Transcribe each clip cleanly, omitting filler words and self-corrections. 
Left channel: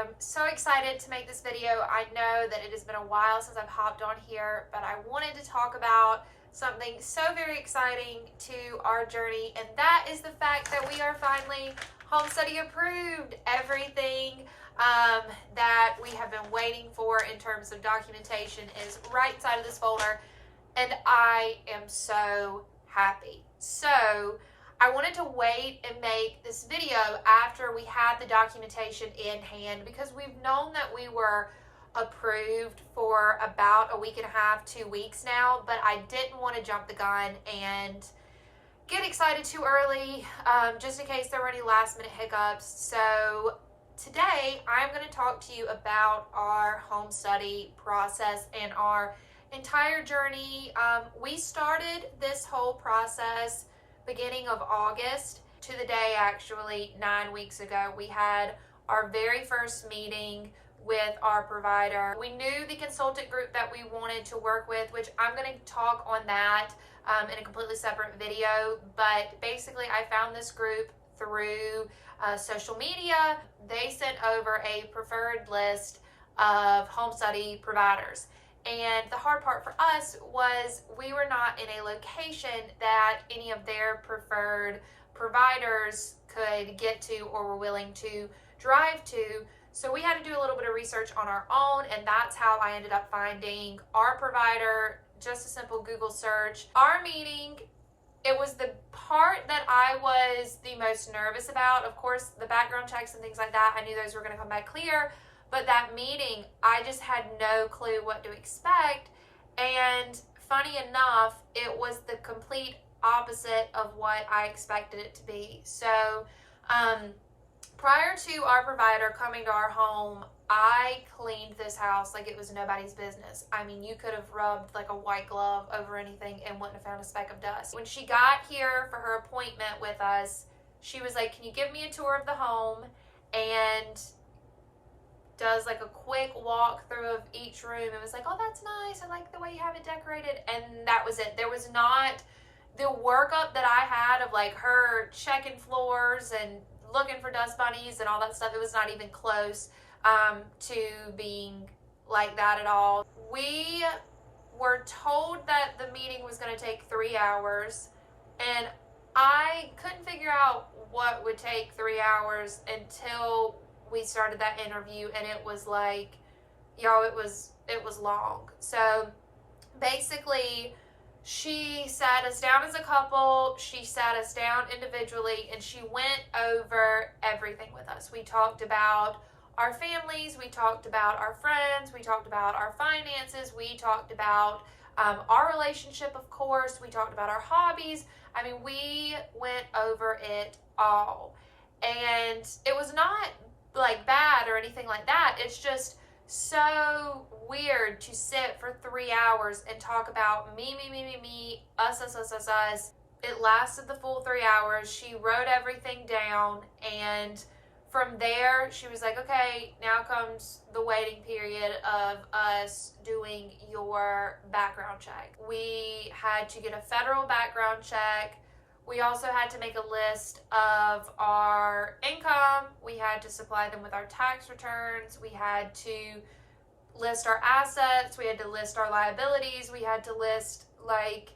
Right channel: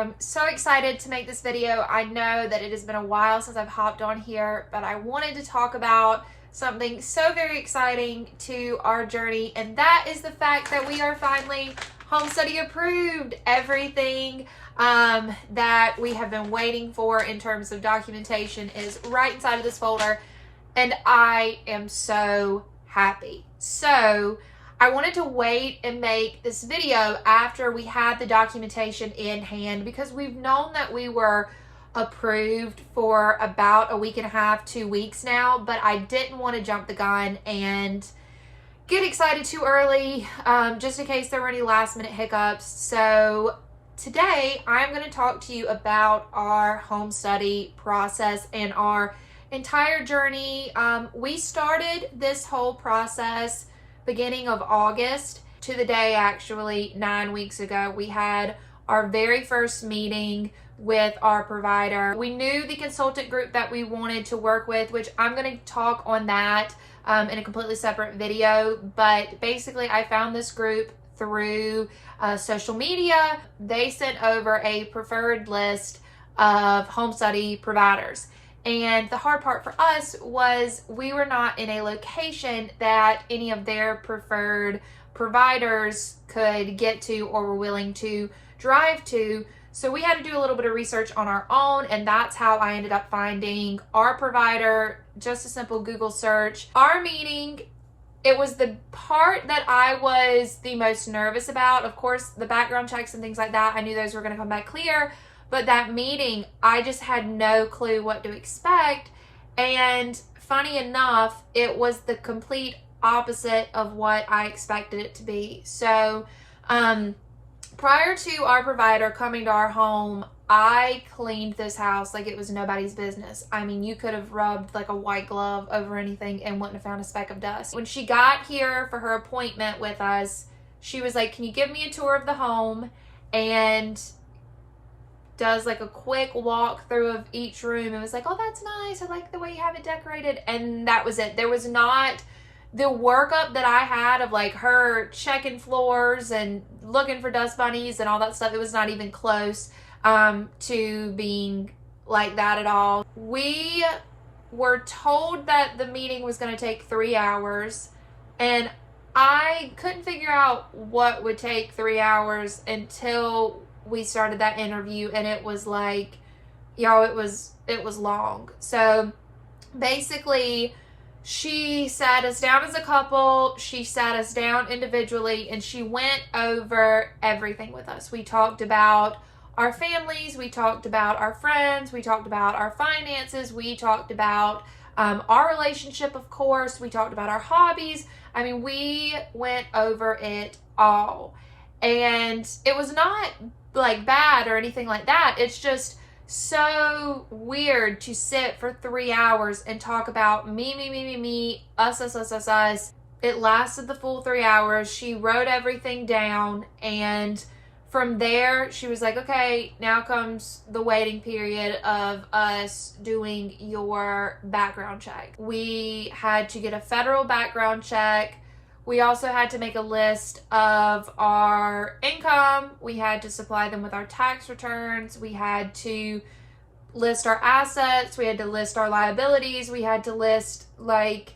am so excited to make this video. I know that it has been a while since I've hopped on here, but I wanted to talk about something so very exciting to our journey, and that is the fact that we are finally home study approved. Everything that we have been waiting for in terms of documentation is right inside of this folder, and I am so happy. So I wanted to wait and make this video after we had the documentation in hand, because we've known that we were approved for about a week and a half, 2 weeks now, but I didn't want to jump the gun and get excited too early, just in case there were any last minute hiccups. So today I'm going to talk to you about our home study process and our entire journey. We started this whole process beginning of August to the day, actually 9 weeks ago. We had our very first meeting with our provider. We knew the consultant group that we wanted to work with, which I'm going to talk on that in a completely separate video. But basically I found this group through social media. They sent over a preferred list of home study providers. And the hard part for us was we were not in a location that any of their preferred providers could get to or were willing to drive to. So we had to do a little bit of research on our own, and that's how I ended up finding our provider. Just a simple Google search. Our meeting, it was the part that I was the most nervous about. Of course, the background checks and things like that, I knew those were going to come back clear. But that meeting, I just had no clue what to expect. And funny enough, it was the complete opposite of what I expected it to be. So prior to our provider coming to our home, I cleaned this house like it was nobody's business. I mean, you could have rubbed like a white glove over anything and wouldn't have found a speck of dust. When she got here for her appointment with us, she was like, "Can you give me a tour of the home?" And does like a quick walkthrough of each room. It was like, "Oh, that's nice. I like the way you have it decorated." And that was it. There was not the workup that I had of like her checking floors and looking for dust bunnies and all that stuff. It was not even close to being like that at all. We were told that the meeting was going to take 3 hours, and I couldn't figure out what would take 3 hours until we started that interview, and it was like, y'all, it was long. So basically she sat us down as a couple, she sat us down individually, and she went over everything with us. We talked about our families, we talked about our friends, we talked about our finances, we talked about our relationship, of course, we talked about our hobbies. I mean, we went over it all. And it was not like bad or anything like that. It's just so weird to sit for 3 hours and talk about me, us. It lasted the full 3 hours. She wrote everything down, and from there she was like, "Okay, now comes the waiting period of us doing your background check." We had to get a federal background check. We also had to make a list of our income. We had to supply them with our tax returns. We had to list our assets. We had to list our liabilities. We had to list like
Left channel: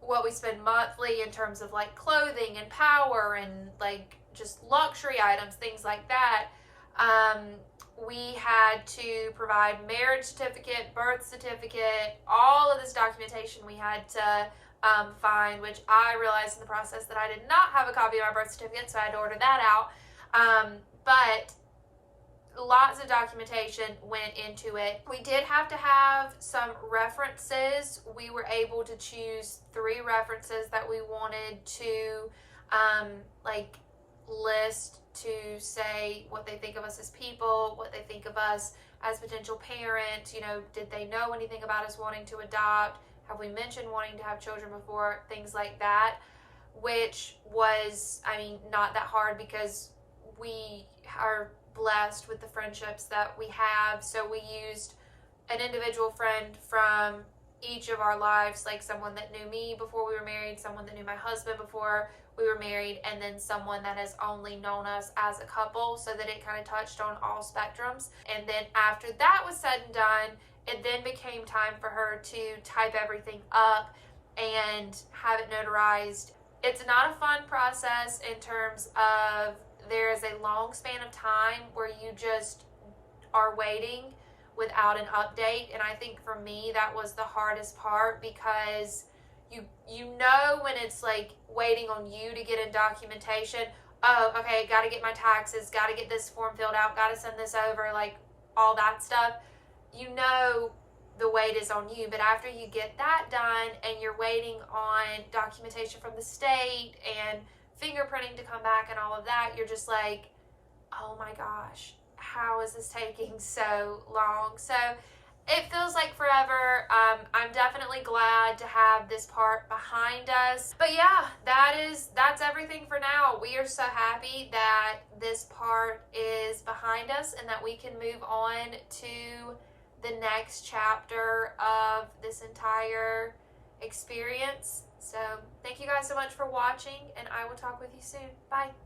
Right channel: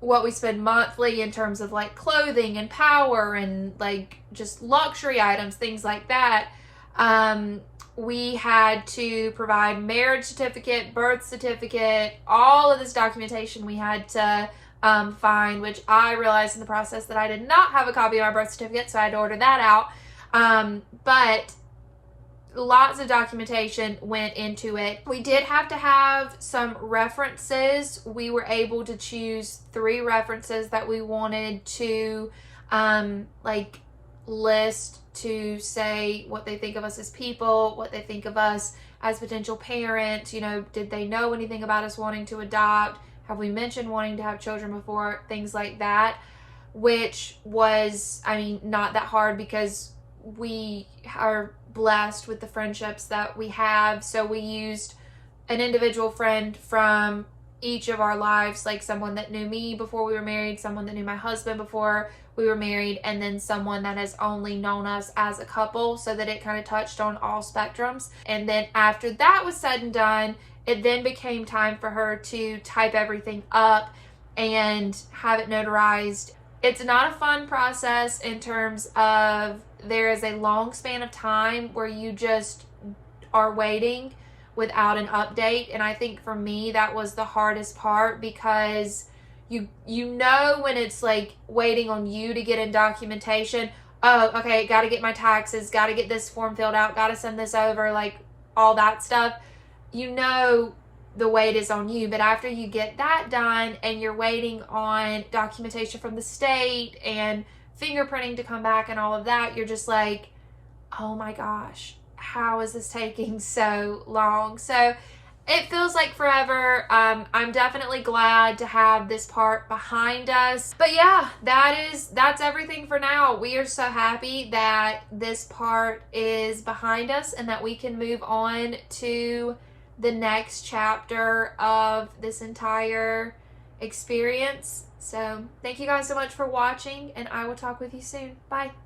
what we spend monthly in terms of like clothing and power and like just luxury items, things like that. We had to provide marriage certificate, birth certificate, all of this documentation we had to find, which I realized in the process that I did not have a copy of my birth certificate, so I had to order that out. But lots of documentation went into it. We did have to have some references. We were able to choose 3 references that we wanted to like list to say what they think of us as people, what they think of us as potential parents. You know, did they know anything about us wanting to adopt? Have we mentioned wanting to have children before? Things like that, which was, I mean, not that hard because we are blessed with the friendships that we have. So we used an individual friend from each of our lives, like someone that knew me before we were married, someone that knew my husband before we were married, and then someone that has only known us as a couple, so that it kind of touched on all spectrums. And then after that was said and done, it then became time for her to type everything up and have it notarized. It's not a fun process in terms of there is a long span of time where you just are waiting without an update. And I think for me that was the hardest part, because you know when it's like waiting on you to get in documentation, oh, okay, got to get my taxes, got to get this form filled out, got to send this over, like all that stuff. You know the weight is on you. But after you get that done and you're waiting on documentation from the state and fingerprinting to come back and all of that, you're just like, oh my gosh, how is this taking so long? So it feels like forever. I'm definitely glad to have this part behind us. But yeah, that's everything for now. We are so happy that this part is behind us and that we can move on to the next chapter of this entire experience. So thank you guys so much for watching, and I will talk with you soon. Bye.